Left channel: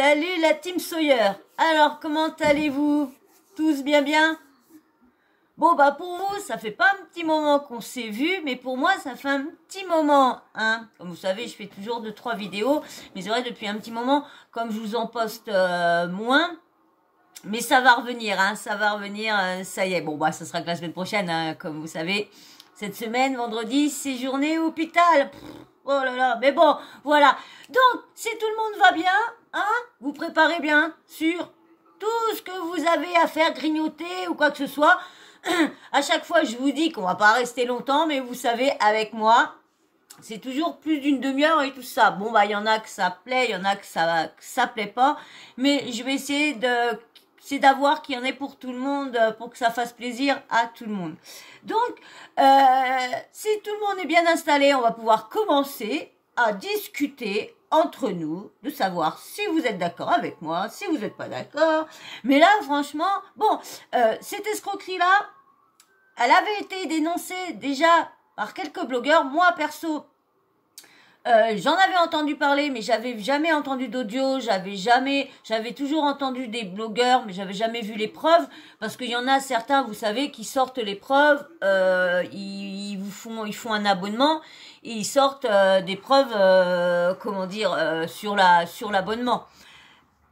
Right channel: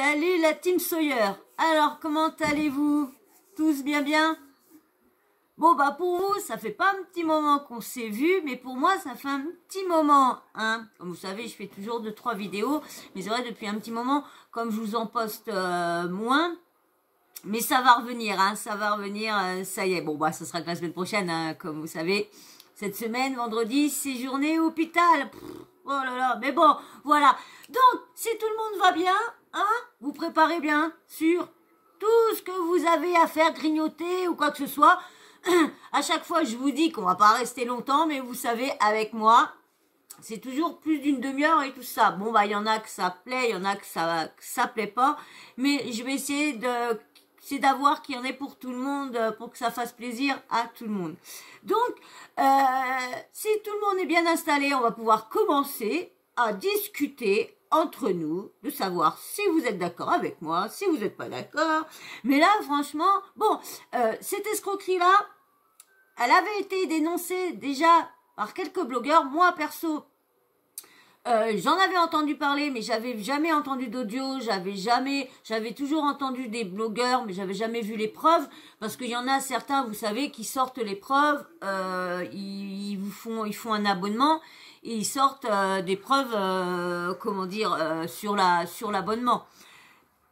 Salut la team Sawyer. Alors, comment allez-vous? Tous bien? Bon, bah pour vous, ça fait pas un petit moment qu'on s'est vu, mais pour moi, ça fait un petit moment, hein. Comme vous savez, je fais toujours 2-3 vidéos, mais c'est vrai, depuis un petit moment, comme je vous en poste moins, mais ça va revenir, hein, ça va revenir, ça y est. Bon, bah ça sera que la semaine prochaine, hein, comme vous savez. Cette semaine, vendredi, c'est journée hôpital. Oh là là, mais bon, voilà. Donc, si tout le monde va bien, hein, vous préparez bien sur tout ce que vous avez à faire, grignoter ou quoi que ce soit. À chaque fois, je vous dis qu'on va pas rester longtemps, mais vous savez, avec moi, c'est toujours plus d'une demi-heure et tout ça. Bon, bah, il y en a que ça plaît, il y en a que ça plaît pas, mais je vais essayer d'avoir qu'il y en ait pour tout le monde, pour que ça fasse plaisir à tout le monde. Donc, si tout le monde est bien installé, on va pouvoir commencer à discuter entre nous, de savoir si vous êtes d'accord avec moi, si vous n'êtes pas d'accord. Mais là, franchement, bon, cette escroquerie-là, elle avait été dénoncée déjà par quelques blogueurs. Moi, perso, j'en avais entendu parler, mais j'avais jamais entendu d'audio, j'avais toujours entendu des blogueurs, mais j'avais jamais vu les preuves, parce qu'il y en a certains, vous savez, qui sortent les preuves, ils font un abonnement, et ils sortent des preuves, comment dire, sur l'abonnement.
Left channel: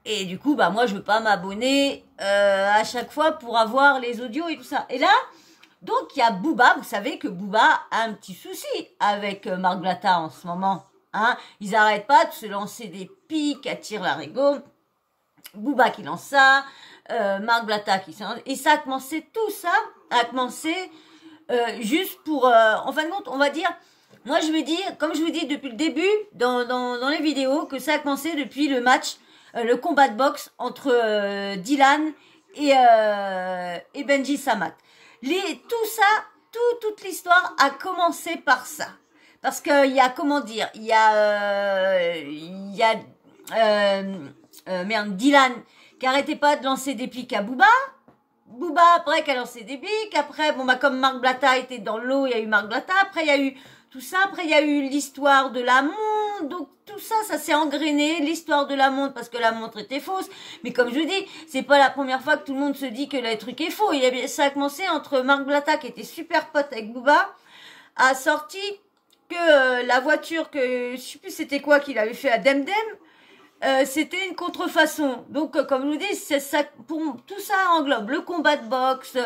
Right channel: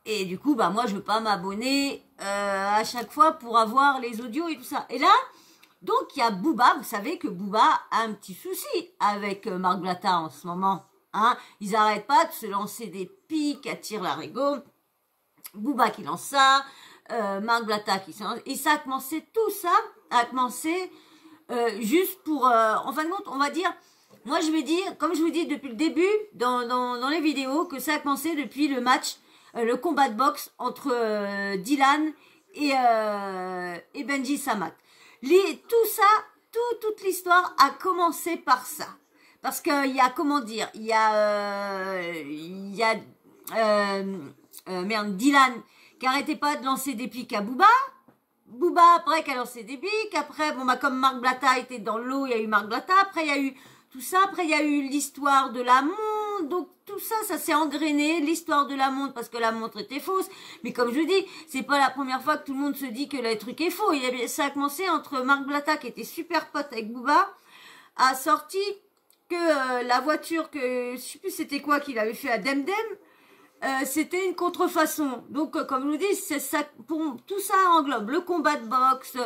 Et du coup, bah moi, je veux pas m'abonner à chaque fois pour avoir les audios et tout ça. Et là, donc, il y a Booba, vous savez que Booba a un petit souci avec Marc Blatta en ce moment. Hein. Ils n'arrêtent pas de se lancer des pics à tire-larigot. Booba qui lance ça, Marc Blatta qui lance... Et ça a commencé, tout ça a commencé juste pour... en fin de compte, on va dire... Moi, je vais dire, comme je vous dis depuis le début, dans les vidéos, que ça a commencé depuis le match, le combat de boxe entre Dylan et Benji Samat. Tout ça, toute l'histoire a commencé par ça. Parce qu'il y a, comment dire, il y a Dylan qui arrêtait pas de lancer des pics à Booba. Booba, après, qui a lancé des pics. Après, bon, bah, comme Marc Blatta était dans l'eau, il y a eu Marc Blatta. Après, il y a eu tout ça. Après, il y a eu l'histoire de la montre. Donc, tout ça, ça s'est engrainé. L'histoire de la montre, parce que la montre était fausse. Mais comme je vous dis, c'est pas la première fois que tout le monde se dit que le truc est faux. Ça a commencé entre Marc Blatta, qui était super pote avec Booba, a sorti que la voiture, que je sais plus c'était quoi qu'il avait fait à Demdem, c'était une contrefaçon. Donc, comme je vous dis, c'est ça, tout ça englobe le combat de boxe,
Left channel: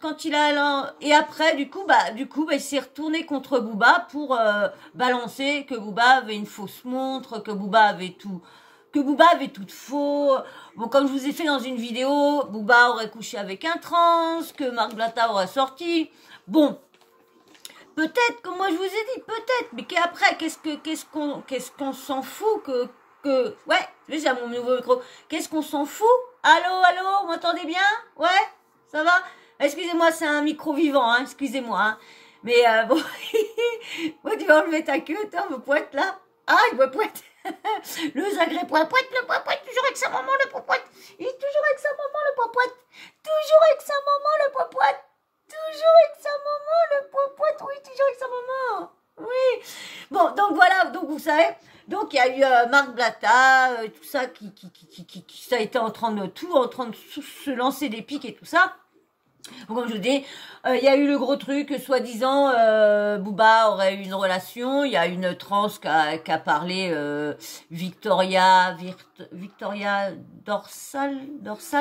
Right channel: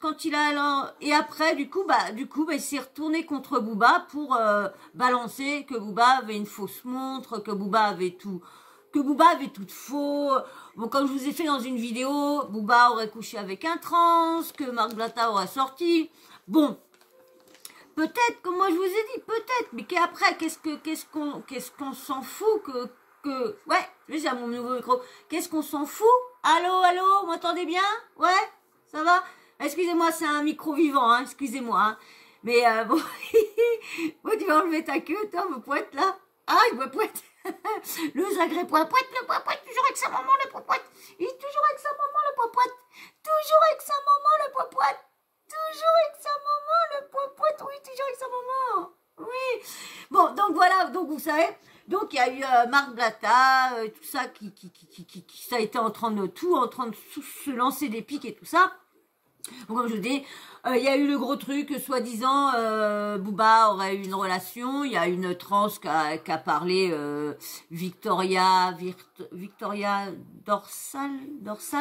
quand il a, et après, du coup, il s'est retourné contre Booba pour balancer que Booba avait une fausse montre, que Booba avait tout de faux. Bon, comme je vous ai fait dans une vidéo, Booba aurait couché avec un trans, que Marc Blatta aurait sorti. Bon. Peut-être, comme moi je vous ai dit, peut-être, mais qu'après, qu'est-ce qu'on s'en fout ouais, j'ai mon nouveau micro. Qu'est-ce qu'on s'en fout? Allô, vous m'entendez bien? Ouais, ça va? Excusez-moi, c'est un micro vivant, hein, excusez-moi, hein. Mais bon, bon, tu vas enlever ta queue, toi, me poète là. Ah, il me poète. Le zagré poète, le poète, toujours avec sa maman, le poète. Il est toujours avec sa maman, le poète. Toujours avec sa maman, le poète. Toujours avec sa maman, le poète, oui, toujours avec sa maman. Oui. Bon, donc voilà, donc vous savez, donc il y a eu Marc Blatta, tout ça, qui ça a été en train de se lancer des pics et tout ça. Donc, comme je vous dis, il y a eu le gros truc, soi-disant, Booba aurait eu une relation. Il y a une trans qui a parlé, Victoria Dorsal,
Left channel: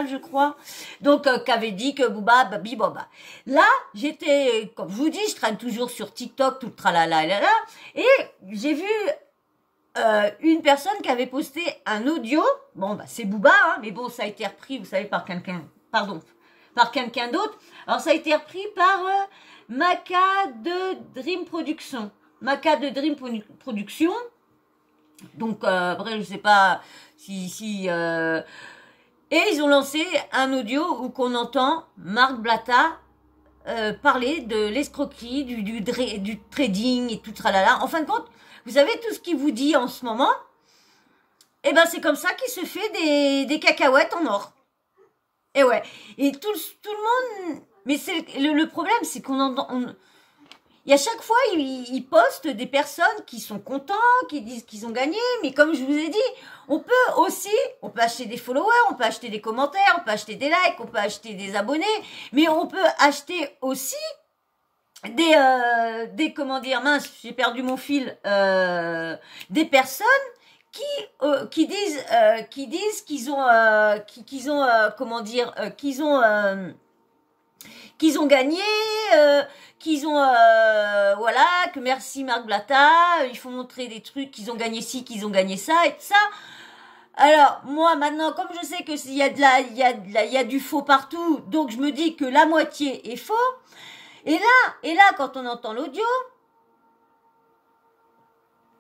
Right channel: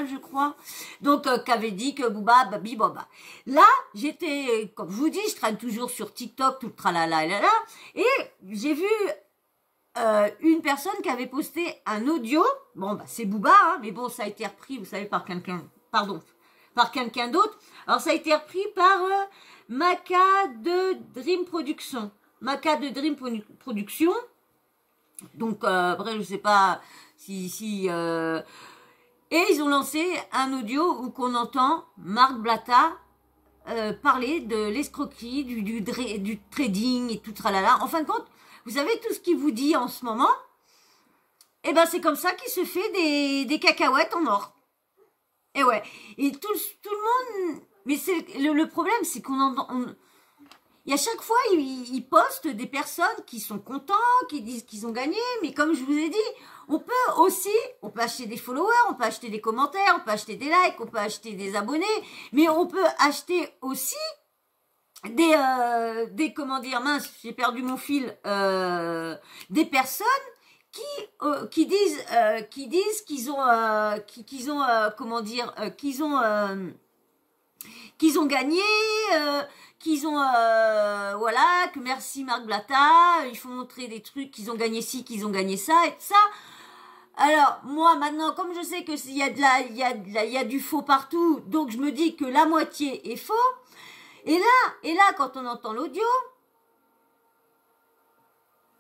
je crois. Donc, qui avait dit que Booba, babi, boba. Là, j'étais, comme je vous dis, je traîne toujours sur TikTok, tout le tralala, et j'ai vu une personne qui avait posté un audio. Bon, bah, c'est Booba, hein, mais bon, ça a été repris, vous savez, par quelqu'un d'autre. Alors, ça a été repris par Maca de Dream Production. Donc, après, je sais pas si et ils ont lancé un audio où qu'on entend Marc Blatta parler de l'escroquerie, du trading et tout tralala. En fin de compte, vous savez tout ce qu'il vous dit en ce moment, eh ben, c'est comme ça qu'il se fait des cacahuètes en or. Et ouais, et tout le monde, mais c'est le problème, c'est qu'on entend, Et à chaque fois, ils postent des personnes qui sont contents, qui disent qu'ils ont gagné. Mais comme je vous ai dit, on peut acheter des followers, on peut acheter des commentaires, on peut acheter des likes, on peut acheter des abonnés. Mais on peut acheter aussi comment dire, mince, j'ai perdu mon fil, des personnes qui disent qu'ils ont, comment dire, qu'ils ont gagné, qu'ils ont, voilà, que merci Marc Blatta, il faut montrer des trucs, qu'ils ont gagné ci, qu'ils ont gagné ça et tout ça. Alors, moi, maintenant, comme je sais qu'il y a du faux partout, donc je me dis que la moitié est faux. Et là, quand on entend l'audio,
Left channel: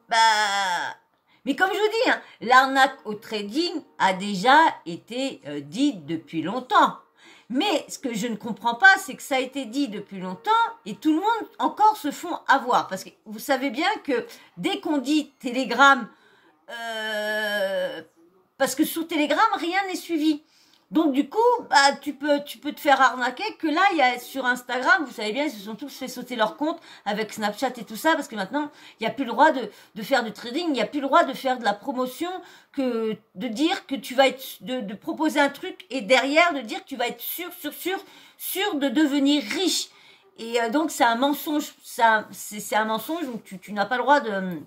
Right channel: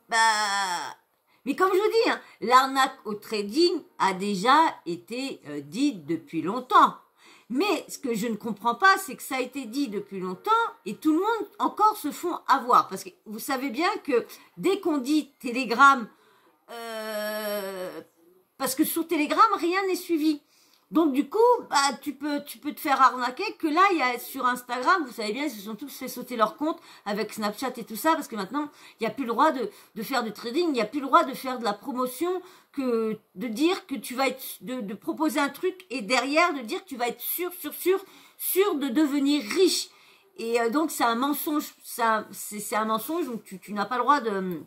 bah, mais comme je vous dis, hein, l'arnaque au trading a déjà été dite depuis longtemps. Mais ce que je ne comprends pas, c'est que ça a été dit depuis longtemps et tout le monde encore se font avoir. Parce que vous savez bien que dès qu'on dit Telegram, parce que sur Telegram, rien n'est suivi. Donc du coup, bah, tu peux te faire arnaquer que là, il y a sur Instagram, vous savez bien, ils se sont tous fait sauter leur compte avec Snapchat et tout ça, parce que maintenant, il n'y a plus le droit de faire du trading, il n'y a plus le droit de faire de la promotion, que de dire que tu vas être, de proposer un truc et derrière de dire que tu vas être sûr de devenir riche. Et donc c'est un mensonge, c'est un mensonge, donc tu n'as pas le droit de...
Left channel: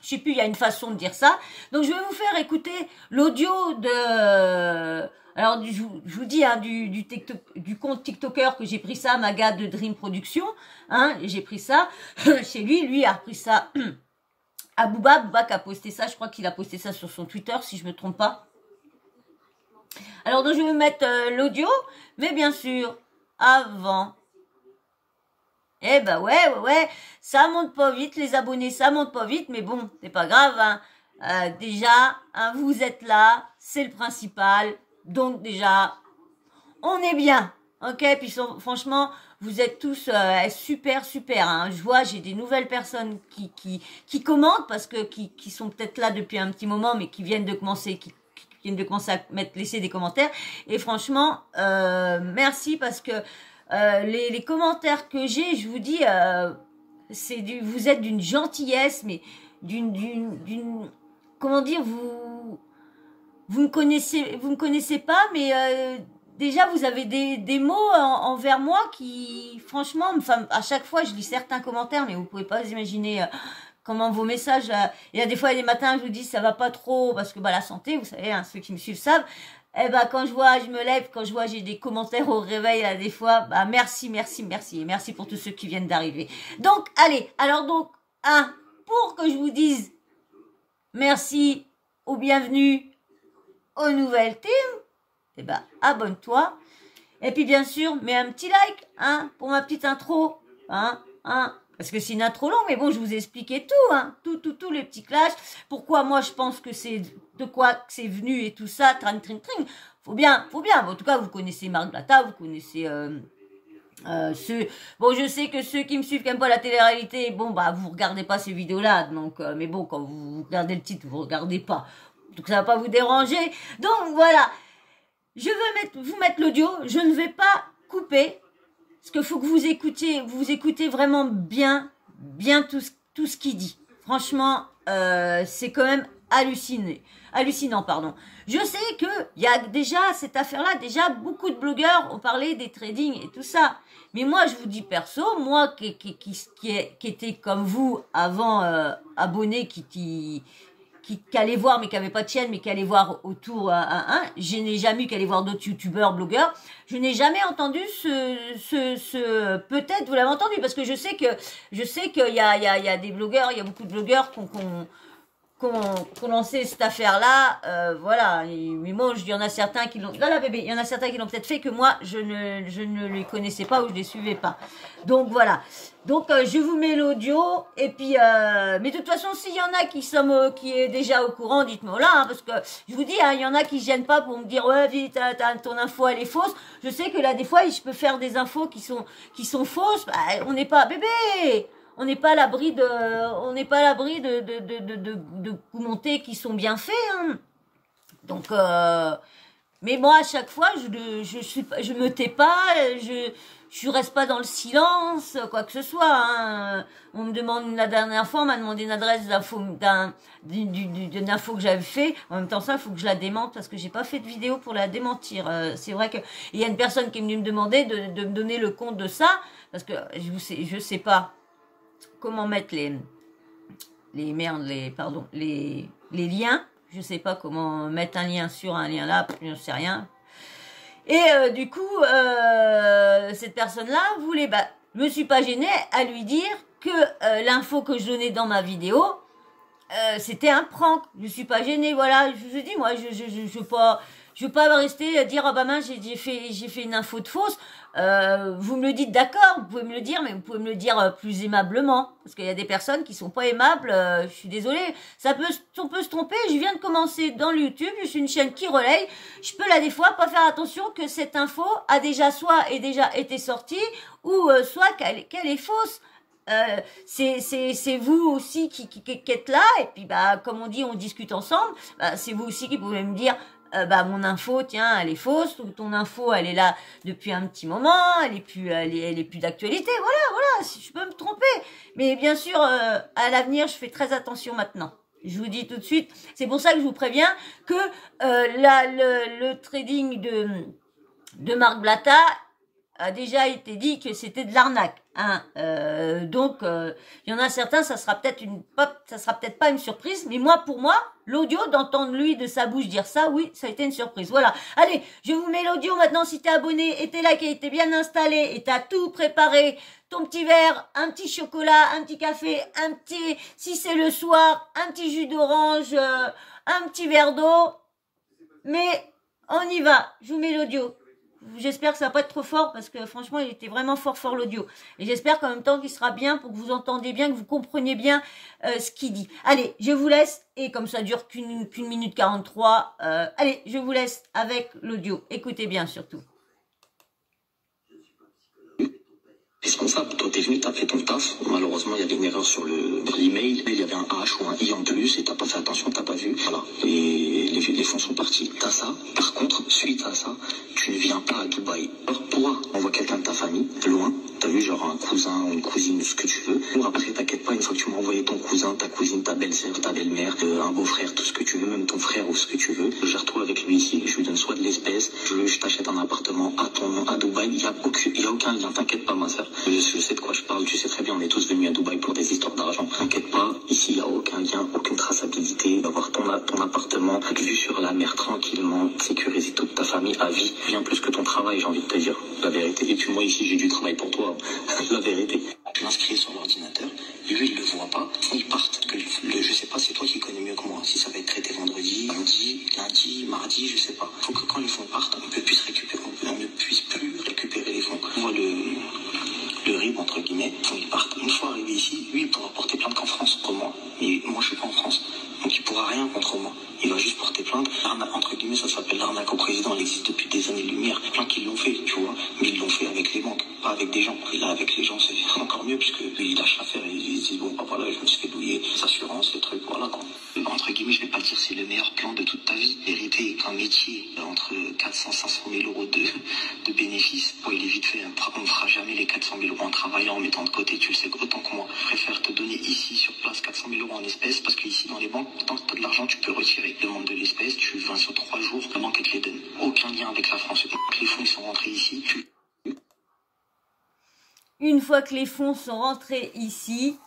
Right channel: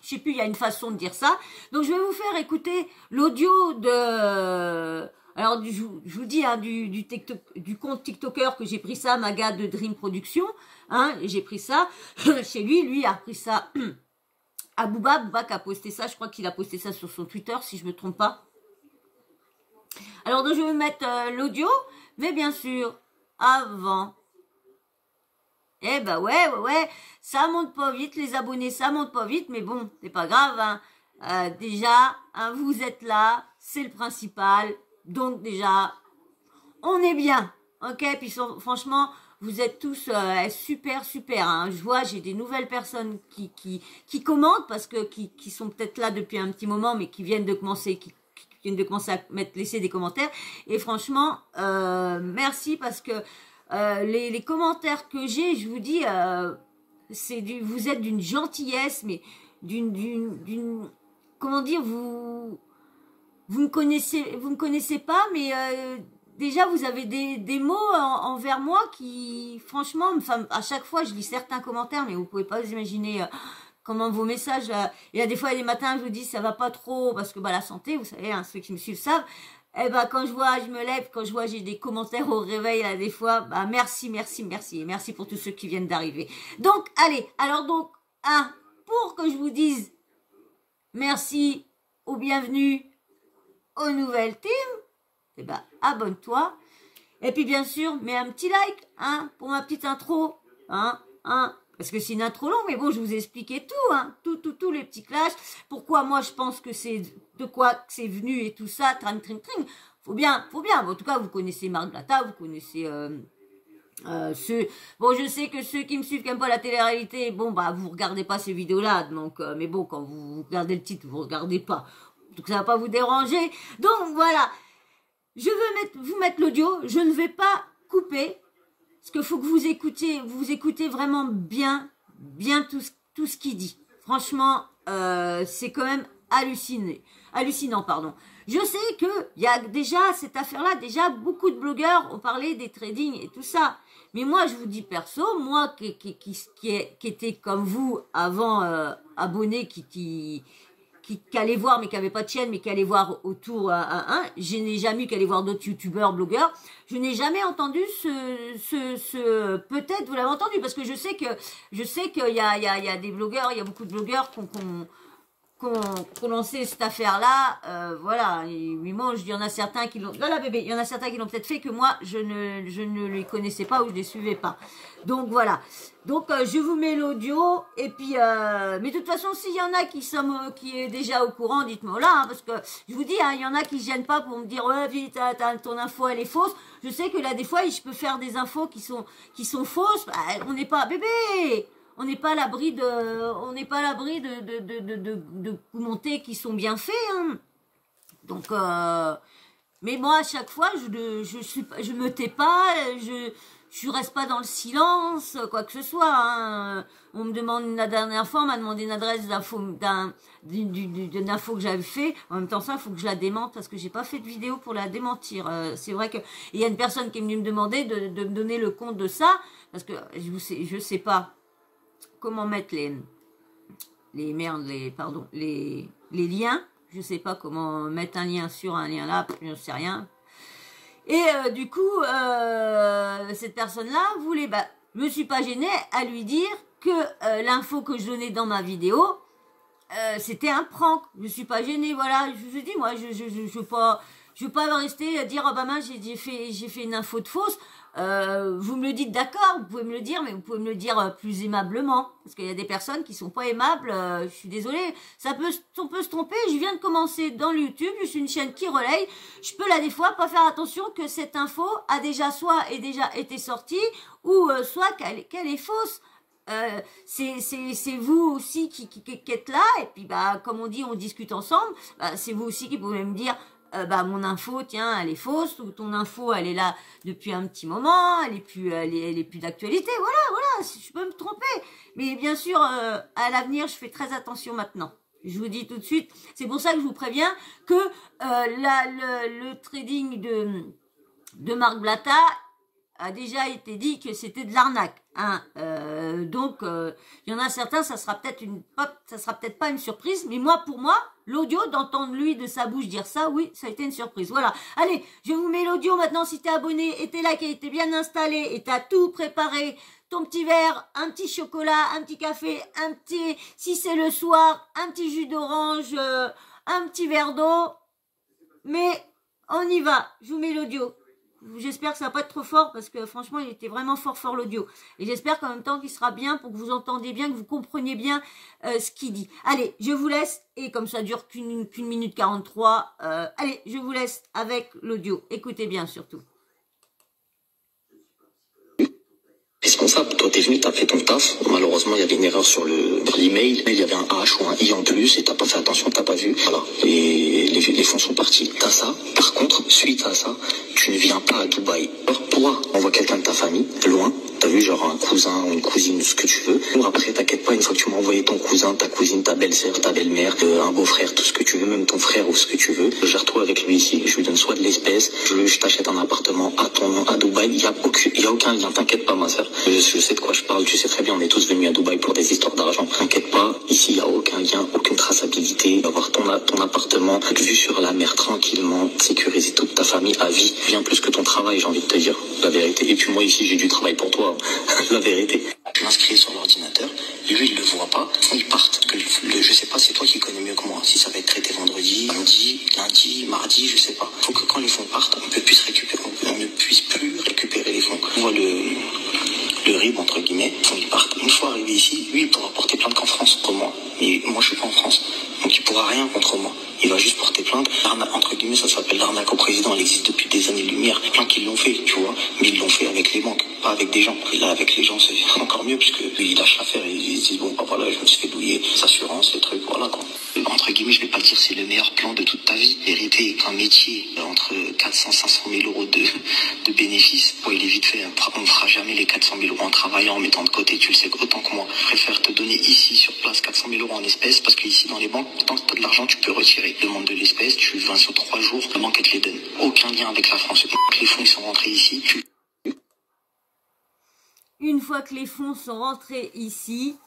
Je sais plus, il y a une façon de dire ça. Donc je vais vous faire écouter l'audio de... Alors, je vous dis, hein, du compte TikToker que j'ai pris ça, Maga de Dream Production, hein, j'ai pris ça chez lui a repris ça à Booba qui a posté ça, je crois qu'il a posté ça sur son Twitter, si je me trompe pas. Alors, donc, je vais vous mettre l'audio, mais bien sûr, avant, eh ben ouais, ça monte pas vite, les abonnés, ça monte pas vite, mais bon, c'est pas grave, hein. Déjà, hein, vous êtes là, c'est le principal. Donc déjà, on est bien, ok. Puis franchement, vous êtes tous super, hein. Je vois, j'ai des nouvelles personnes qui commentent parce que qui sont peut-être là depuis un petit moment, mais qui viennent de commencer, qui viennent de commencer à laisser des commentaires. Et franchement, merci parce que les commentaires que j'ai, je vous dis, vous êtes d'une gentillesse, mais d'une comment dire, vous me connaissez pas, mais déjà vous avez des mots envers moi qui, franchement, enfin, à chaque fois je lis certains commentaires, mais vous pouvez pas vous imaginer comment vos messages. Il y a des fois, il y a des matins, je vous dis ça va pas trop parce que bah la santé, vous savez, hein, ceux qui me suivent savent. Eh ben quand je me lève, quand je vois j'ai des commentaires au réveil là des fois, bah merci et merci pour tous ceux qui viennent d'arriver. Donc allez, alors donc pour que je vous dise merci ou bienvenue aux nouvelles teams, eh ben, abonne-toi. Et puis, bien sûr, mets un petit like, hein, pour ma petite intro, hein, parce que c'est une intro longue, mais bon, je vous ai expliqué tout, hein, tous les petits clashs, pourquoi moi je pense que c'est, de quoi c'est venu et tout ça, tring. Faut bien, en tout cas, vous connaissez Marc Blatta, vous connaissez, bon, je sais que ceux qui me suivent qui n'aiment pas la télé-réalité, bon, bah, vous regardez pas ces vidéos-là, donc, mais bon, quand vous regardez le titre, vous regardez pas. Donc ça va pas vous déranger. Donc voilà, je veux vous mettre l'audio. Je ne vais pas couper, parce qu'il faut que vous écoutez vraiment bien tout ce qu'il dit. Franchement, c'est quand même hallucinant, pardon. Je sais que il y a déjà cette affaire-là, déjà beaucoup de blogueurs ont parlé des trading et tout ça. Mais moi, je vous dis perso, moi qui était comme vous avant abonné, qui allait voir, mais qui avait pas de chaîne, mais qui allait voir autour je n'ai jamais eu qu'à aller voir d'autres youtubeurs, blogueurs. Je n'ai jamais entendu peut-être vous l'avez entendu, parce que je sais qu'il y a des blogueurs, il y a beaucoup de blogueurs qui ont lancé cette affaire-là, voilà. Mais moi, il y en a certains qui l'ont, là, bébé, il y en a certains qui l'ont peut-être fait que moi, je ne les connaissais pas ou je les suivais pas. Donc, voilà. Donc, je vous mets l'audio, et puis, mais de toute façon, s'il y en a qui est déjà au courant, dites-moi là, hein, parce que, je vous dis, hein, il y en a qui gênent pas pour me dire, ouais, vite, ton info, elle est fausse. Je sais que là, des fois, je peux faire des infos qui sont fausses. Bah, on n'est pas, bébé! On n'est pas à l'abri de commenter qui sont bien faits, hein. Donc, mais moi, à chaque fois, je me tais pas, je reste pas dans le silence, quoi que ce soit. Hein. On me demande, la dernière fois, on m'a demandé une adresse d'une info que j'avais fait. En même temps, ça, il faut que je la démente parce que j'ai pas fait de vidéo pour la démentir. C'est vrai que il y a une personne qui est venue me demander de me donner le compte de ça parce que je sais pas comment mettre les liens. Je sais pas comment mettre un lien sur un lien là, je ne sais rien. Et du coup, cette personne-là voulait, je me suis pas gênée à lui dire que l'info que je donnais dans ma vidéo, c'était un prank. Je suis pas gênée, voilà. Je vous dis, moi, je veux pas rester à dire, ah bah mince, j'ai fait une info de fausse. Vous me le dites, d'accord, vous pouvez me le dire, mais vous pouvez me le dire plus aimablement. Parce qu'il y a des personnes qui sont pas aimables, je suis désolée. On peut se tromper, je viens de commencer dans le YouTube, je suis une chaîne qui relaye. Je peux là, des fois, pas faire attention que cette info a déjà été sortie, ou soit qu'elle est fausse. C'est vous aussi qui êtes là, et puis comme on dit, on discute ensemble, c'est vous aussi qui pouvez me dire mon info, tiens, elle est fausse, ou ton info, elle est là depuis un petit moment, elle est plus d'actualité, voilà, je peux me tromper. Mais bien sûr, à l'avenir, je fais très attention maintenant. Je vous dis tout de suite, c'est pour ça que je vous préviens que le trading de Marc Blatta a déjà été dit que c'était de l'arnaque. Hein. Donc, il y en a certains, ça sera peut-être pas une surprise, mais pour moi, l'audio, d'entendre lui de sa bouche dire ça, oui, ça a été une surprise. Voilà. Allez, je vous mets l'audio maintenant. Si t'es abonné et t'es liké, et t'es bien installé et t'as tout préparé, ton petit verre, un petit chocolat, un petit café, si c'est le soir, un petit jus d'orange, un petit verre d'eau. Mais on y va. Je vous mets l'audio. J'espère que ça va pas être trop fort parce que franchement il était vraiment fort l'audio. Et j'espère qu'en même temps qu'il sera bien pour que vous entendiez bien, que vous compreniez bien ce qu'il dit. Allez, je vous laisse, et comme ça dure qu'une minute 43, allez, je vous laisse avec l'audio. Écoutez bien surtout. Responsable, toi t'es venu, t'as fait ton taf. Malheureusement, il y avait une erreur sur l'email. Il y avait un H ou un I en plus et t'as pas fait attention, t'as pas vu. Voilà. Et les fonds sont partis. T'as ça. Par contre, suite à ça, tu ne viens pas à Dubaï. Alors, toi, envoie quelqu'un de ta famille, loin. T'as vu, genre un cousin ou une cousine, ce que tu veux. Ou après, t'inquiète pas, une fois que tu m'as envoyé ton cousin, ta cousine, ta belle-sœur, ta belle-mère, un beau-frère, tout ce que tu veux, même ton frère ou ce que tu veux, gère-toi avec lui ici. Je lui donne soit de l'espèce, je t'achète un appartement à ton nom à Dubaï. Il y a aucun lien, t'inquiète pas, ma sœur. Je sais de quoi je parle, tu sais très bien, on est tous venus à Dubaï pour des histoires d'argent. T'inquiète pas, ici, il n'y a aucun lien, aucune traçabilité. Avoir ton appartement, vue sur la mer tranquillement, sécuriser toute ta famille à vie, bien plus que ton travail, j'ai envie de te dire, la vérité. Et puis moi ici, j'ai du travail pour toi, la vérité. Je m'inscris sur l'ordinateur, lui il le voit pas, ils partent. Je sais pas, c'est toi qui connais mieux que moi. Si ça va être traité vendredi, lundi, mardi, je sais pas. Faut que quand les fonds partent, on ne puisse plus récupérer les fonds. On voit le RIB, entre guillemets, ils partent. Une fois arrivé ici, lui, il pourra porter plainte qu'en France contre moi. Mais moi, je suis pas en France. Donc, il pourra rien contre moi. Il va juste porter plainte. Entre guillemets, ça s'appelle l'arnaque au président. Elle existe depuis des années-lumière. Plein qui l'ont fait, tu vois. Mais ils l'ont fait avec les banques, pas avec des gens. Et là, avec les gens, c'est encore mieux, puisque lui, il lâche l'affaire et ils se disent, bon, voilà, je me suis fait douiller, les assurances, les trucs, voilà, quoi. Entre guillemets, je vais pas dire c'est le meilleur plan de toute ta vie. Vérité, qu'un métier entre 400 500 000 euros de bénéfices, bon, il est vite fait. On ne fera jamais les 400 000 euros en travaillant, en mettant de côté, tu le sais autant que moi. Je préfère te donner ici, sur place, 400 000 euros en espèces, parce qu'ici, dans les banques, tant que tu as de l'argent, tu peux retirer. Demande de l'espèce, tu vends sur 3 jours, la banque, elle te les donne. Aucun lien avec la France. Les fonds, ils sont rentrés ici. Une fois que les fonds sont rentrés ici,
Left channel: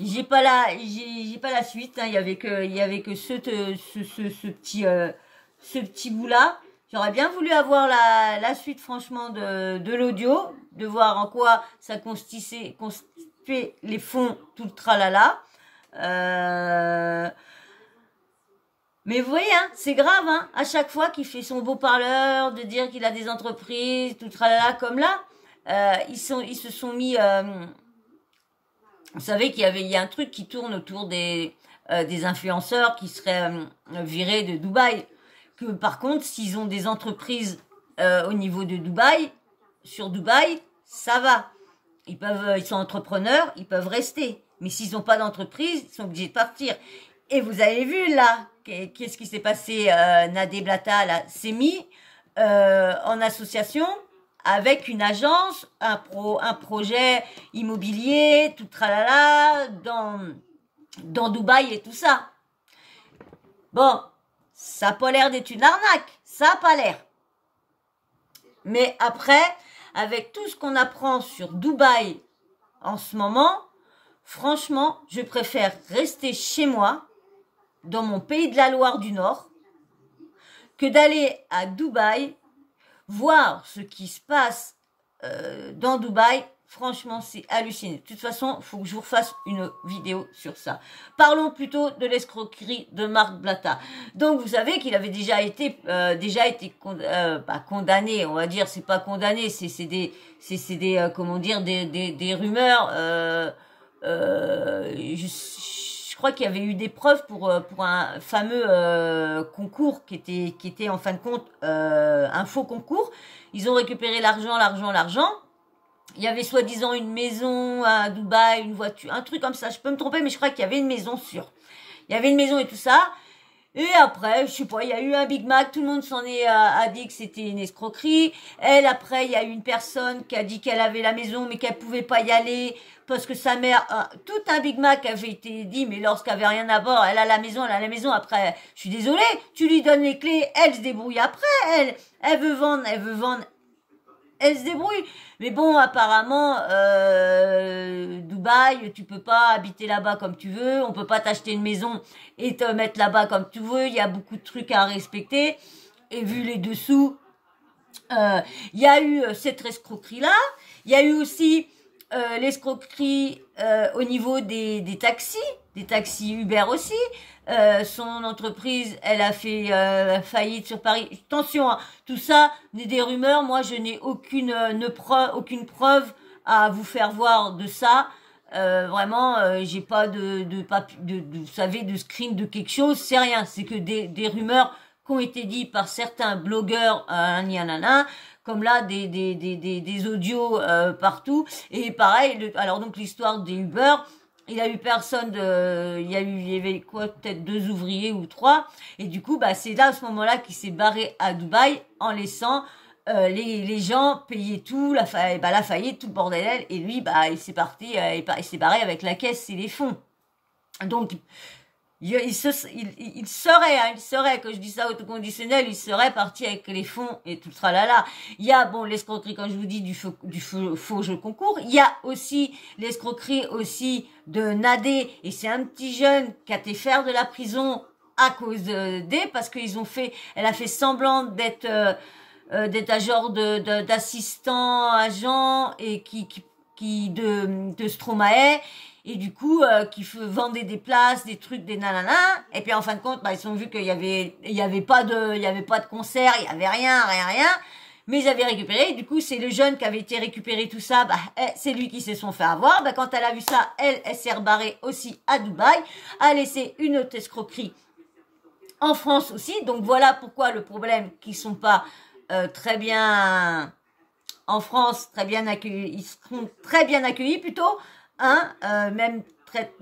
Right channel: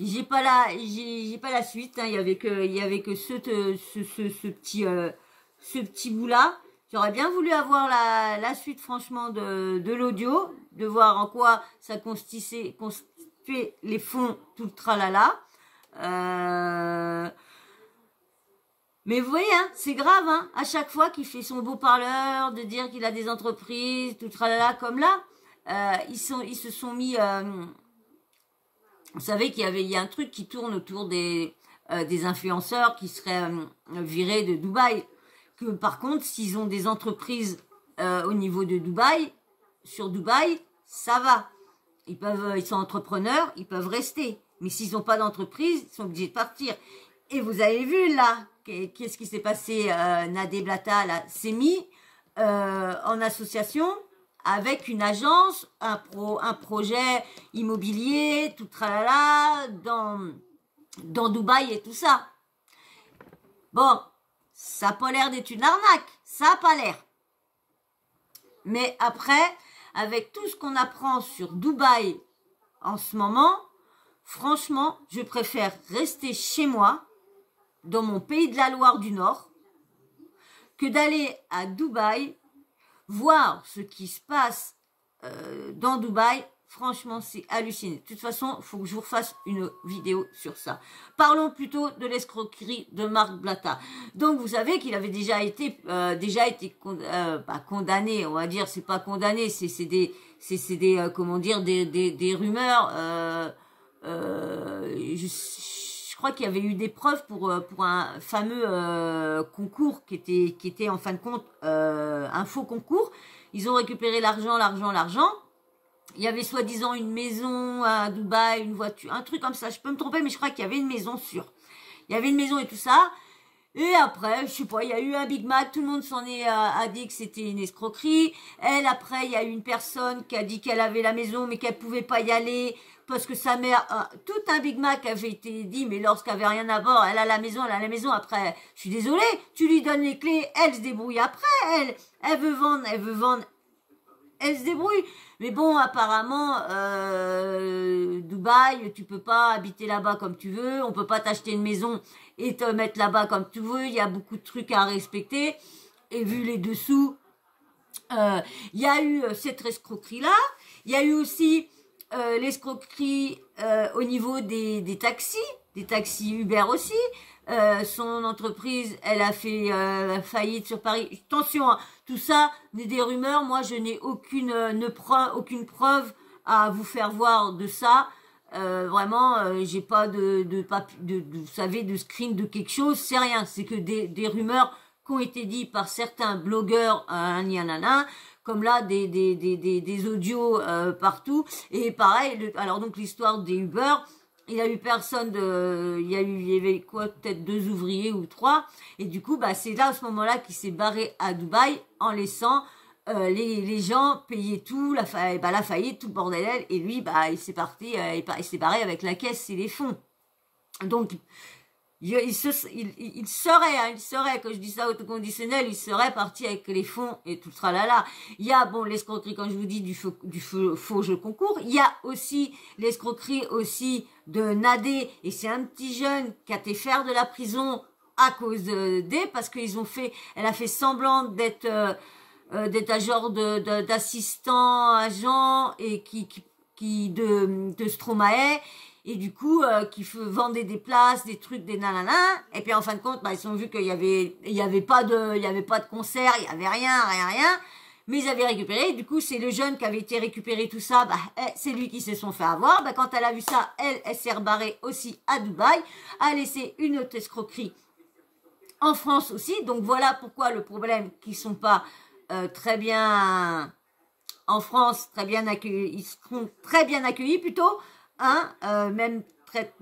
j'ai pas la suite. Hein. Il y avait que ce petit bout là. J'aurais bien voulu avoir la suite franchement de l'audio, de voir en quoi ça constituait les fonds, tout le tralala. Mais vous voyez, hein, c'est grave, hein, à chaque fois qu'il fait son beau parleur, de dire qu'il a des entreprises, tout tralala comme là, ils se sont mis. Vous savez qu'il y a un truc qui tourne autour des influenceurs qui seraient virés de Dubaï. Que par contre, s'ils ont des entreprises au niveau de Dubaï, sur Dubaï, ça va. Ils sont entrepreneurs, ils peuvent rester. Mais s'ils n'ont pas d'entreprise, ils sont obligés de partir. Et vous avez vu là, qu'est-ce qui s'est passé? Nadé Blata s'est mis en association avec une agence, un projet immobilier, tout tralala, dans Dubaï et tout ça. Bon, ça n'a pas l'air d'être une arnaque, ça n'a pas l'air. Mais après, avec tout ce qu'on apprend sur Dubaï en ce moment, franchement, je préfère rester chez moi, dans mon pays de la Loire du Nord, que d'aller à Dubaï, voir ce qui se passe dans Dubaï. Franchement, c'est hallucinant. De toute façon, il faut que je vous refasse une vidéo sur ça. Parlons plutôt de l'escroquerie de Marc Blatta. Donc, vous savez qu'il avait déjà été condamné, on va dire, c'est pas condamné, c'est des comment dire, des rumeurs. Je crois qu'il y avait eu des preuves pour un fameux concours qui était en fin de compte un faux concours. Ils ont récupéré l'argent. Il y avait soi-disant une maison à Dubaï, une voiture, un truc comme ça. Je peux me tromper, mais je crois qu'il y avait une maison sûre. Il y avait une maison et tout ça. Et après, je sais pas, il y a eu un Big Mac, tout le monde a dit que c'était une escroquerie. Elle, après, il y a eu une personne qui a dit qu'elle avait la maison, mais qu'elle pouvait pas y aller parce que sa mère, tout un Big Mac avait été dit, mais lorsqu'elle avait rien à bord, elle a la maison. Après, je suis désolée, tu lui donnes les clés, elle se débrouille après, elle veut vendre, elle se débrouille. Mais bon, apparemment, Dubaï, tu peux pas habiter là-bas comme tu veux. On peut pas t'acheter une maison et te mettre là-bas comme tu veux. Il y a beaucoup de trucs à respecter. Et vu les dessous, il y a eu cette escroquerie-là. Il y a eu aussi l'escroquerie au niveau des taxis Uber aussi. Son entreprise, elle a fait faillite sur Paris. Attention, hein, tout ça n'est des rumeurs. Moi, je n'ai aucune preuve à vous faire voir de ça. Vraiment, j'ai pas vous savez, de screen de quelque chose. C'est rien. C'est que des rumeurs qui ont été dites par certains blogueurs, comme là des audios partout. Et pareil. Alors donc l'histoire des Uber. Il y a eu personne il y avait quoi, peut-être 2 ouvriers ou 3. Et du coup, c'est là, à ce moment-là, qu'il s'est barré à Dubaï en laissant les gens payer tout, la faillite, tout le bordel. Et lui, il s'est parti, il s'est barré avec la caisse et les fonds. Donc, il serait, que je dis ça autoconditionnel, il serait parti avec les fonds et tout le tralala. Il y a, l'escroquerie, comme je vous dis, du faux jeu concours. Il y a aussi l'escroquerie aussi de Nadé, et c'est un petit jeune qui a été faire de la prison à cause parce elle a fait semblant d'être un genre d'assistant agent et de Stromae. Et du coup, qui vendait des places, des trucs, des nanana. Et puis en fin de compte, ils ont vu qu'il y avait pas de concert, il y avait rien. Mais ils avaient récupéré. Du coup, c'est le jeune qui avait été récupéré tout ça. C'est lui qui se sont fait avoir. Quand elle a vu ça, elle s'est rebarrée aussi à Dubaï, a laissé une autre escroquerie en France aussi. Donc voilà pourquoi le problème qu'ils sont pas très bien en France, très bien accueillis. Ils seront très bien accueillis plutôt. Même très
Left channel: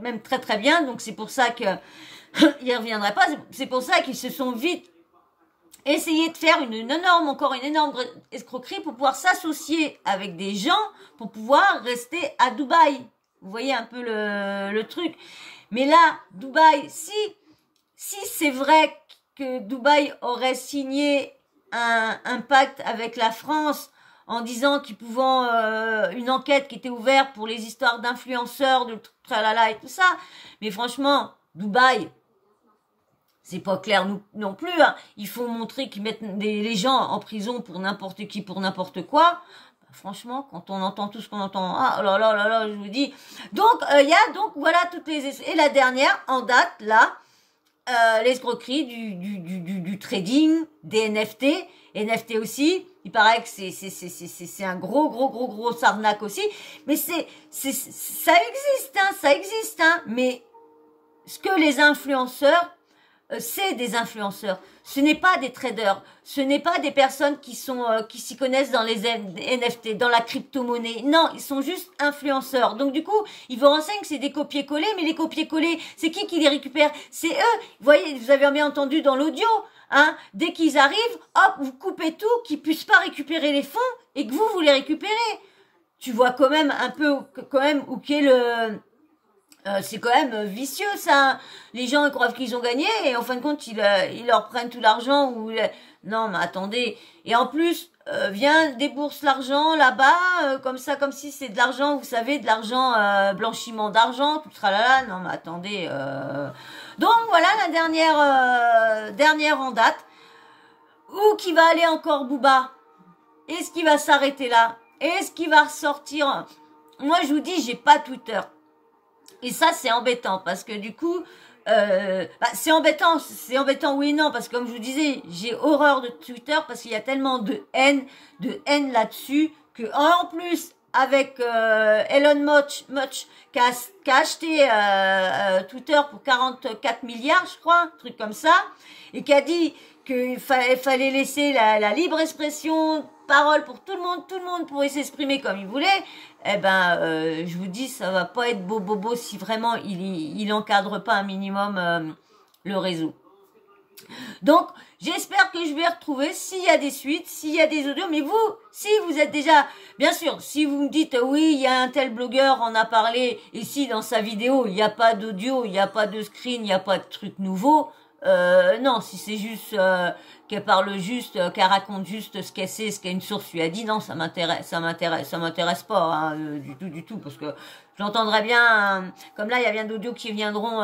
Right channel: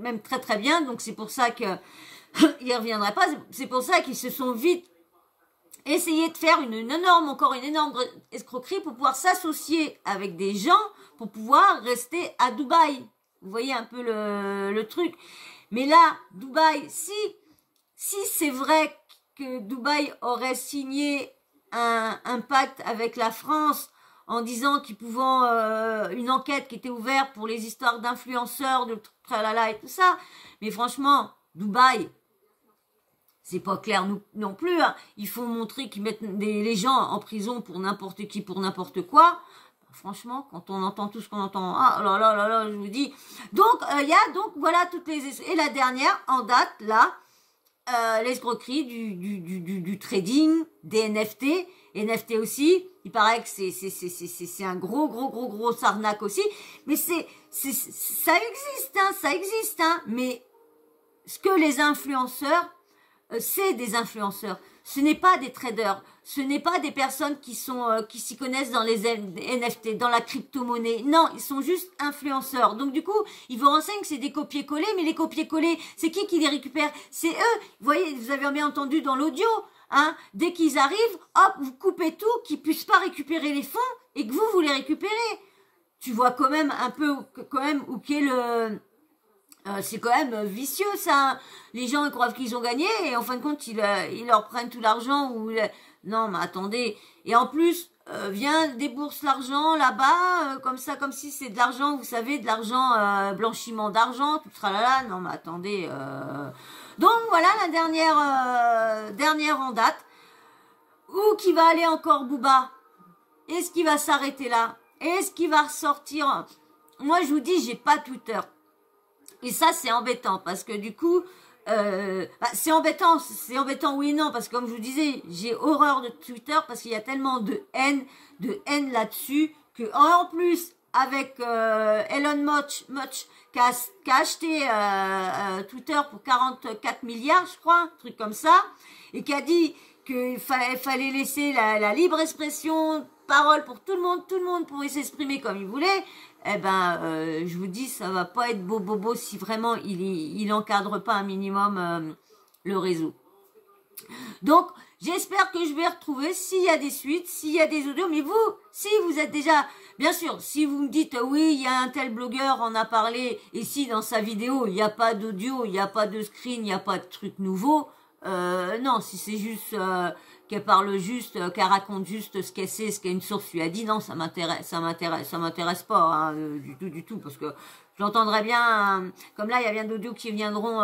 très bien. Donc c'est pour ça que il reviendrait pas. C'est pour ça qu'ils se sont vite essayé de faire une énorme escroquerie pour pouvoir s'associer avec des gens pour pouvoir rester à Dubaï. Vous voyez un peu le truc. Mais là, Dubaï, si c'est vrai que Dubaï aurait signé un pacte avec la France en disant qu'ils pouvaient une enquête qui était ouverte pour les histoires d'influenceurs, de tralala et tout ça. Mais franchement, Dubaï, c'est pas clair non plus. Hein. Il faut montrer qu'ils mettent les gens en prison pour n'importe qui, pour n'importe quoi. Franchement, quand on entend tout ce qu'on entend, je vous dis. Donc, il y a voilà toutes les... Et la dernière, en date, là, l'escroquerie du trading, des NFT. NFT aussi, il paraît que c'est un gros arnaque aussi. Mais ça existe, hein. Mais ce que les influenceurs c'est des influenceurs. Ce n'est pas des traders. Ce n'est pas des personnes qui s'y connaissent dans les NFT, dans la crypto-monnaie. Non, ils sont juste influenceurs. Donc du coup, ils vous renseignent que c'est des copier-coller, mais les copier-coller, c'est qui les récupère? C'est eux. Vous voyez, vous avez bien entendu dans l'audio, hein, dès qu'ils arrivent, hop, vous coupez tout, qu'ils puissent pas récupérer les fonds et que vous les récupérez. Tu vois quand même un peu, quand même, où qu'est le... c'est quand même vicieux ça. Les gens ils croient qu'ils ont gagné et en fin de compte ils leur prennent tout l'argent non mais attendez. Et en plus viens débourse l'argent là-bas comme ça, comme si c'est de l'argent, vous savez, de l'argent blanchiment d'argent, tout sera là. Non mais attendez. Donc voilà la dernière en date. Où qui va aller encore Booba? Est-ce qu'il va s'arrêter là? Est-ce qu'il va ressortir? Moi je vous dis, j'ai pas Twitter. Et ça, c'est embêtant parce que du coup, c'est embêtant oui et non, parce que comme je vous disais, j'ai horreur de Twitter parce qu'il y a tellement de haine là-dessus que en plus avec Elon Musk qui a acheté Twitter pour 44 milliards, je crois, un truc comme ça, et qui a dit qu'il fallait laisser la libre expression, parole pour tout le monde pourrait s'exprimer comme il voulait. Eh ben, je vous dis, ça va pas être beau si vraiment il encadre pas un minimum le réseau. Donc, j'espère que je vais retrouver s'il y a des suites, s'il y a des audios. Mais vous, si vous êtes déjà, bien sûr, si vous me dites oui, il y a un tel blogueur en a parlé, et si dans sa vidéo il n'y a pas d'audio, il n'y a pas de screen, il n'y a pas de truc nouveau. Non, si c'est juste qu'elle parle juste, qu'elle raconte juste ce qu'elle sait, ce qu'une source lui a dit, non, ça m'intéresse pas hein, du tout, parce que j'entendrai bien, comme là, il y a bien d'autres qui viendront.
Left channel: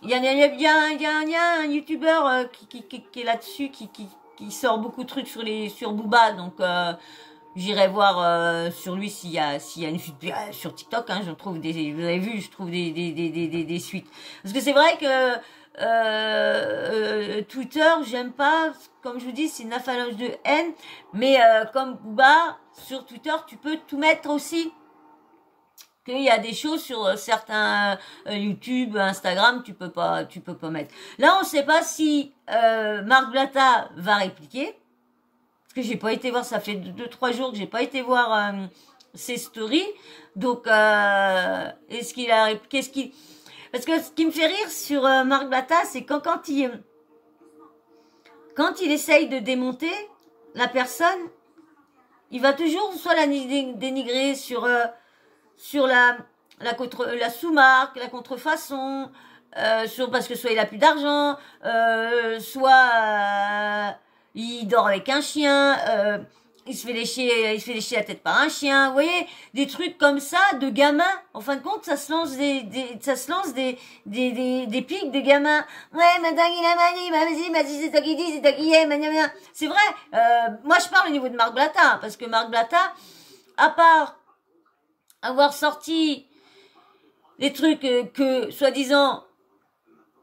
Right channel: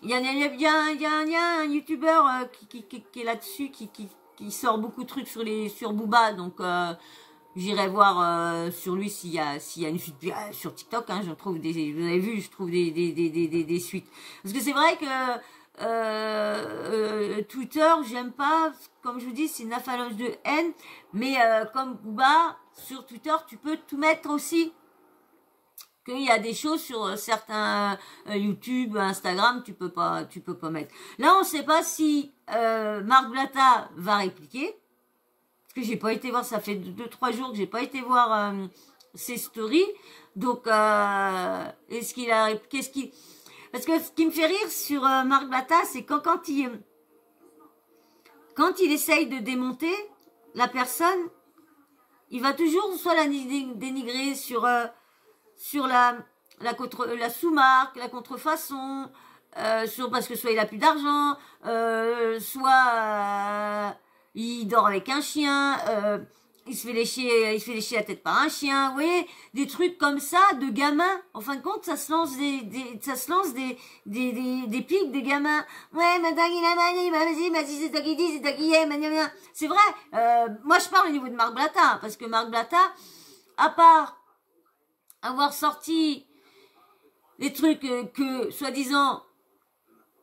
Il y a un youtubeur qui est là-dessus, qui sort beaucoup de trucs sur Booba, donc j'irai voir sur lui s'il y a une suite sur TikTok. Hein, je trouve vous avez vu, je trouve des suites, parce que c'est vrai que Twitter, j'aime pas, comme je vous dis, c'est une avalanche de haine, mais comme Booba, sur Twitter, tu peux tout mettre aussi. Qu'il y a des choses sur certains YouTube, Instagram, tu peux pas mettre. Là, on sait pas si Marc Blatta va répliquer, parce que j'ai pas été voir, ça fait 2-3 jours que j'ai pas été voir ses stories, donc est-ce qu'il a répliqué, parce que ce qui me fait rire sur Marc Blatta, c'est quand il essaye de démonter la personne, il va toujours soit la dénigrer sur la sous-marque, la contrefaçon, parce que soit il a plus d'argent, soit il dort avec un chien, il se fait lécher la tête par un chien, vous voyez, des trucs comme ça de gamins. En fin de compte, ça se lance des pics de gamins. Ouais, madame, il m'a dit, c'est toi qui dis, c'est toi qui est, c'est vrai. Moi, je parle au niveau de Marc Blatta, parce que Marc Blatta, à part avoir sorti des trucs que, soi-disant,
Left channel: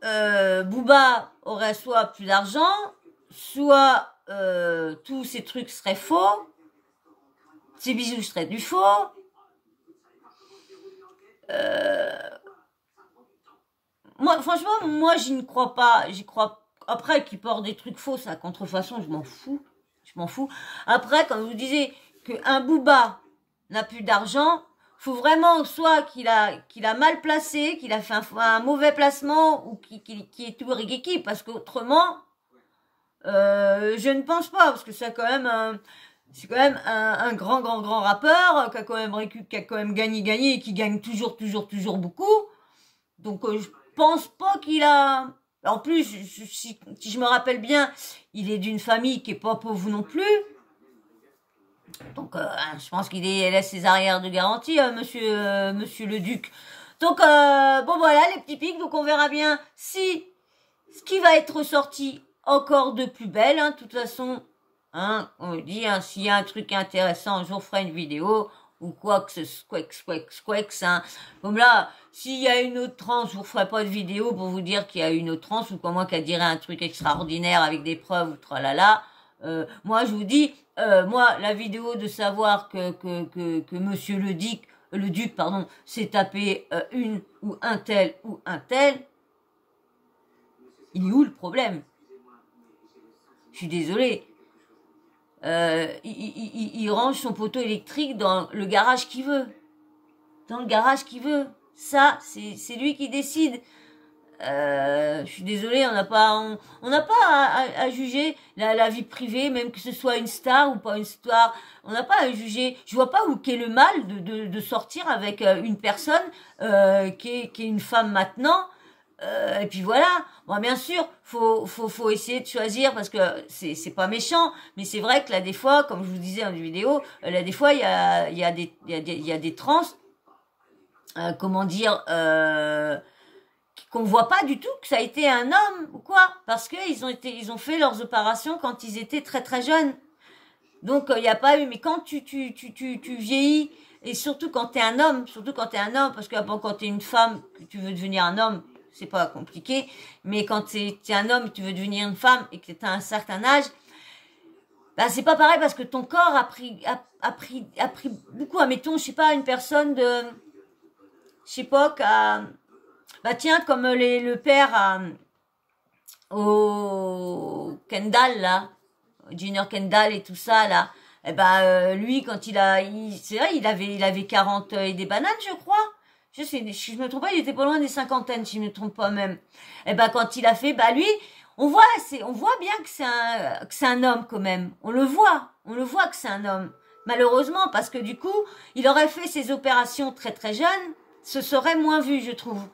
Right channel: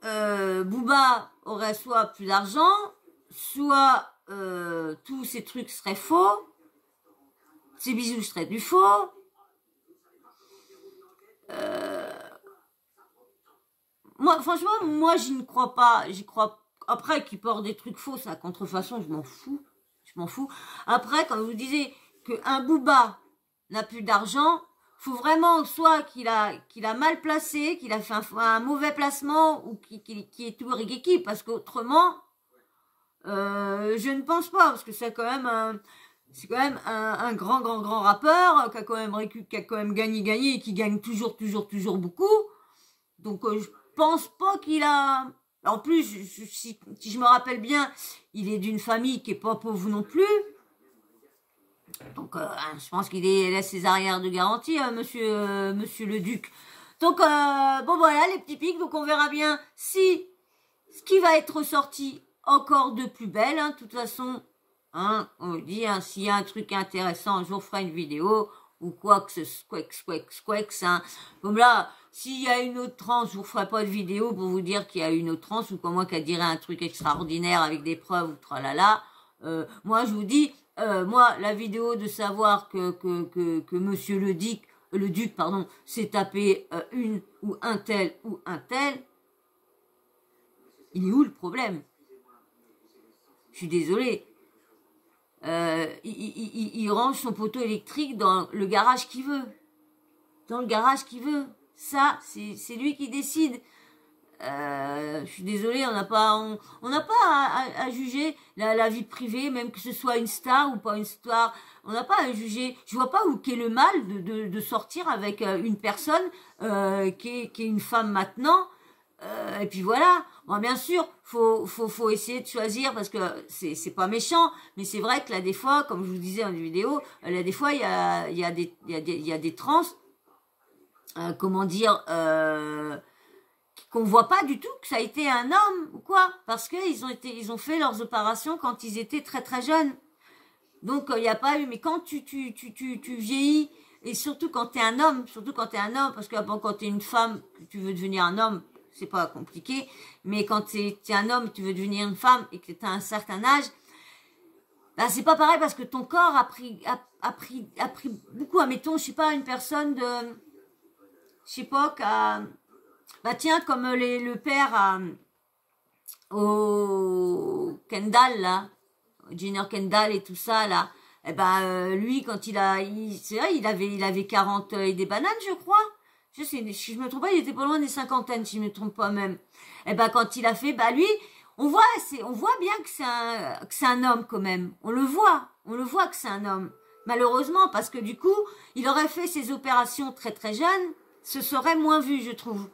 Booba aurait soit plus d'argent, soit tous ces trucs seraient faux, ces bijoux seraient du faux. Moi, franchement, j'y ne crois pas. J'y crois. Après, qu'il porte des trucs faux, c'est la contrefaçon, je m'en fous. Après, quand vous disiez qu'un Booba n'a plus d'argent, faut vraiment soit qu'il a mal placé, qu'il a fait un mauvais placement ou qu'il est tout rigiki, parce qu'autrement, je ne pense pas, parce que c'est quand même un grand rappeur qui a quand même gagné et qui gagne toujours beaucoup. Donc je pense pas qu'il a. En plus, si je me rappelle bien, il est d'une famille qui est pas pauvre non plus. Donc je pense qu'il laisse ses arrières de garantie, monsieur le Duc. Donc bon voilà les petits pics. Donc on verra bien si ce qui va être ressorti encore de plus belle, hein, de toute façon, hein, on dit, hein, s'il y a un truc intéressant, je vous ferai une vidéo, ou quoi que ce soit, hein. Comme là, s'il y a une autre transe, je vous ferai pas de vidéo pour vous dire qu'il y a une autre transe, ou comme moi qui dirait un truc extraordinaire avec des preuves, ou tralala. Moi, je vous dis, moi, la vidéo de savoir que monsieur le Duc, s'est tapé une ou un tel, il est où le problème? Je suis désolée. Il range son poteau électrique dans le garage qu'il veut. Dans le garage qu'il veut. Ça, c'est lui qui décide. Je suis désolée, on n'a pas à juger la vie privée, même que ce soit une star ou pas une star. On n'a pas à juger. Je vois pas où qu'est le mal de sortir avec une personne qui est une femme maintenant. Et puis voilà. Bon, bien sûr, faut essayer de choisir parce que c'est pas méchant, mais c'est vrai que là des fois, comme je vous disais dans une vidéo, là des fois il y a des trans, comment dire. Qu'on voit pas du tout que ça a été un homme ou quoi, parce que ils ont fait leurs opérations quand ils étaient très très jeunes. Donc il y a pas eu, mais quand tu vieillis et surtout quand t'es un homme, parce que bon, quand t'es une femme que tu veux devenir un homme, c'est pas compliqué, mais quand t'es un homme, tu veux devenir une femme et que t'as un certain âge, bah c'est pas pareil parce que ton corps a pris beaucoup. Admettons, je sais pas, une personne de, je sais pas, bah tiens, comme le père au Kendall, là, Junior Kendall et tout ça, là, eh ben, lui, quand c'est vrai, il avait 40 et des bananes, je crois. Si je me trompe pas, il était pas loin des cinquantaines, si je me trompe pas même. Eh ben, quand il a fait, bah lui, on voit bien que c'est un homme quand même. On le voit que c'est un homme. Malheureusement, parce que du coup, il aurait fait ses opérations très très jeune, ce serait moins vu, je trouve.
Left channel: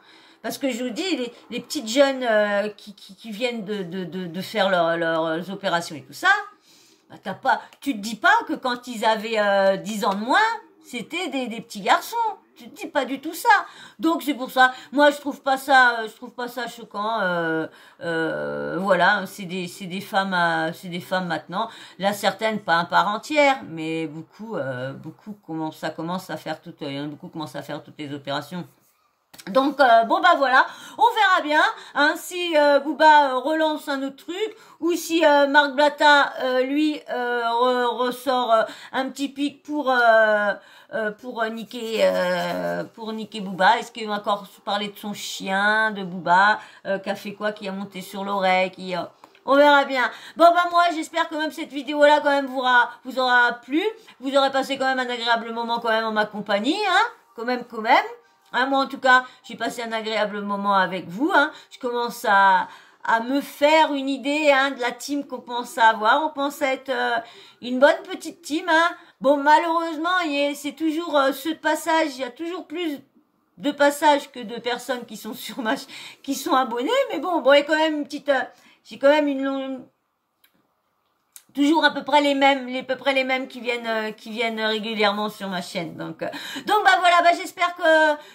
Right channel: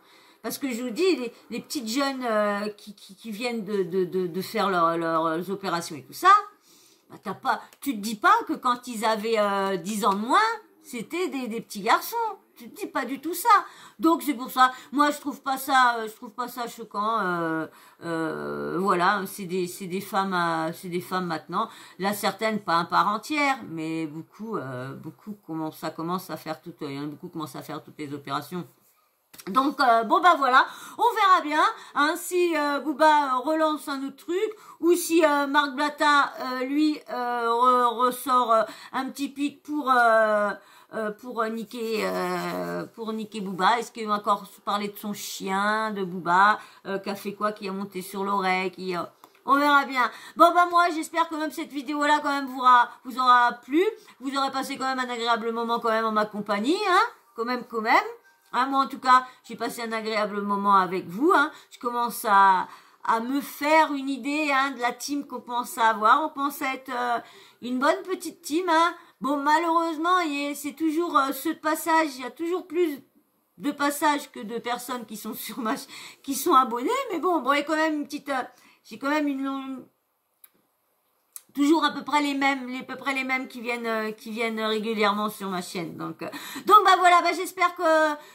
Parce que je vous dis, les petites jeunes qui viennent de faire leurs opérations et tout ça, bah tu te dis pas que quand ils avaient 10 ans de moins, c'était des petits garçons. Tu te dis pas du tout ça. Donc c'est pour ça. Moi je trouve pas ça choquant. Voilà, c'est des femmes maintenant. Là certaines pas un part entière, mais beaucoup commencent à faire beaucoup commencent à faire toutes les opérations. Donc bon bah voilà, on verra bien hein, si Booba relance un autre truc ou si Marc Blatta lui ressort un petit pic pour niquer Booba. Est-ce qu'il va encore parler de son chien, de Booba, qui a fait quoi, qui a monté sur l'oreille, on verra bien. Bon bah moi j'espère que même cette vidéo là quand même vous aura plu, vous aurez passé quand même un agréable moment quand même en ma compagnie, hein, quand même. Hein, moi, en tout cas, j'ai passé un agréable moment avec vous. Hein. Je commence à me faire une idée hein, de la team qu'on pense à avoir. On pense à être une bonne petite team. Hein. Bon, malheureusement, c'est toujours ceux de passage. Il y a toujours plus de passages que de personnes qui sont qui sont abonnées. Mais bon, il y a quand même une petite... j'ai quand même toujours à peu près les mêmes qui viennent régulièrement sur ma chaîne. Donc bah voilà, bah j'espère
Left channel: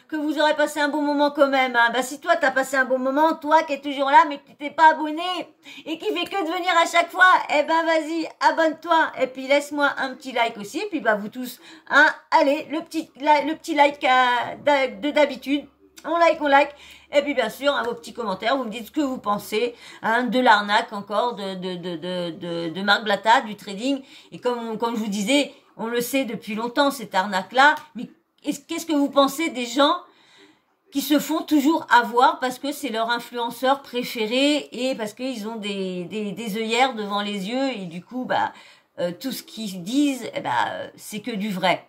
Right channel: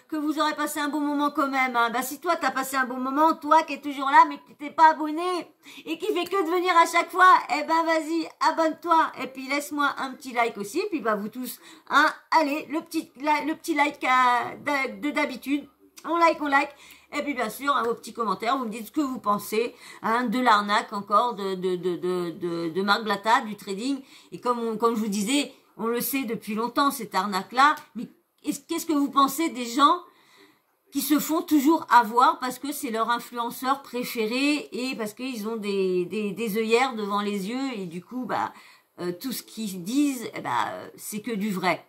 que vous aurez passé un bon moment quand même. Hein. Bah si toi t'as passé un bon moment, toi qui es toujours là mais qui t'es pas abonné et qui fait que de venir à chaque fois, eh ben vas-y, abonne-toi et puis laisse-moi un petit like aussi. Et puis bah vous tous, hein, allez le petit like de d'habitude. On like. Et puis, bien sûr, hein, vos petits commentaires, vous me dites ce que vous pensez, hein, de l'arnaque encore, de Marc Blatta, du trading. Et comme je vous disais, on le sait depuis longtemps, cette arnaque-là. Mais qu'est-ce que vous pensez des gens qui se font toujours avoir parce que c'est leur influenceur préféré et parce qu'ils ont des œillères devant les yeux et du coup, bah, tout ce qu'ils disent, c'est que du vrai.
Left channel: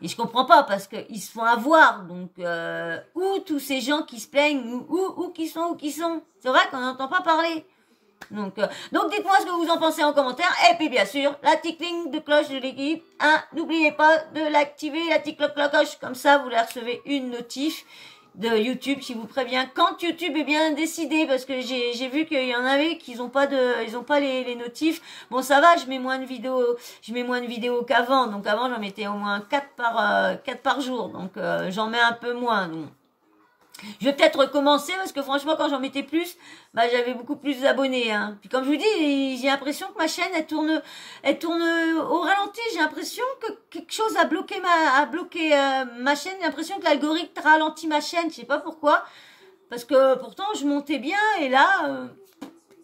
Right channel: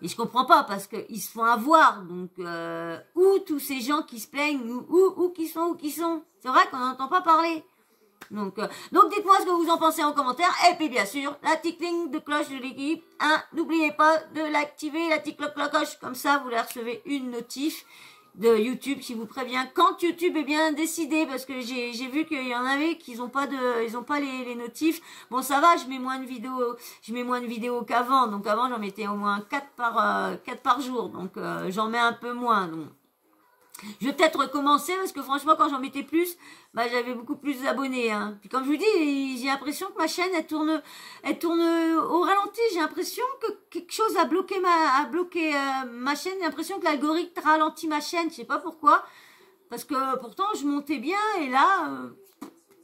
Et je comprends pas parce qu'ils se font avoir. Donc, où tous ces gens qui se plaignent, où qui sont. C'est vrai qu'on n'entend pas parler. Donc dites-moi ce que vous en pensez en commentaire. Et puis, bien sûr, la petite ligne de cloche de l'équipe. Hein, n'oubliez pas de l'activer, la petite cloche. Comme ça, vous la recevez une notif de YouTube qui vous prévient quand YouTube est bien décidé parce que j'ai vu qu'il y en avait qui ils ont pas les notifs. Bon ça va, je mets moins de vidéos qu'avant. Donc avant j'en mettais au moins 4 par jour. Donc j'en mets un peu moins. Donc je vais peut-être recommencer parce que franchement quand j'en mettais plus, bah j'avais beaucoup plus d'abonnés. Hein. Puis comme je vous dis, j'ai l'impression que ma chaîne elle tourne au ralenti. J'ai l'impression que quelque chose a bloqué ma chaîne. J'ai l'impression que l'algorithme ralentit ma chaîne. Je sais pas pourquoi. Parce que pourtant je montais bien et là.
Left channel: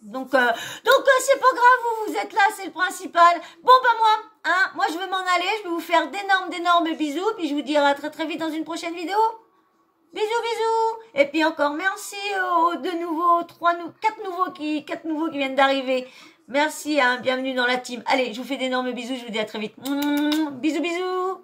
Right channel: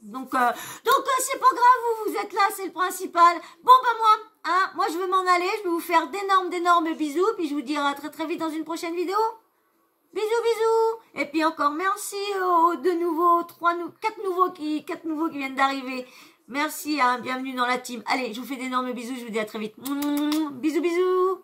Donc c'est pas grave. Vous êtes là, c'est le principal. Bon bah moi je vais m'en aller. Je vais vous faire d'énormes bisous. Puis je vous dirai à très très vite dans une prochaine vidéo. Bisous, bisous. Et puis encore merci aux quatre nouveaux qui viennent d'arriver. Merci, hein, bienvenue dans la team. Allez, je vous fais d'énormes bisous, je vous dis à très vite. Bisous, bisous.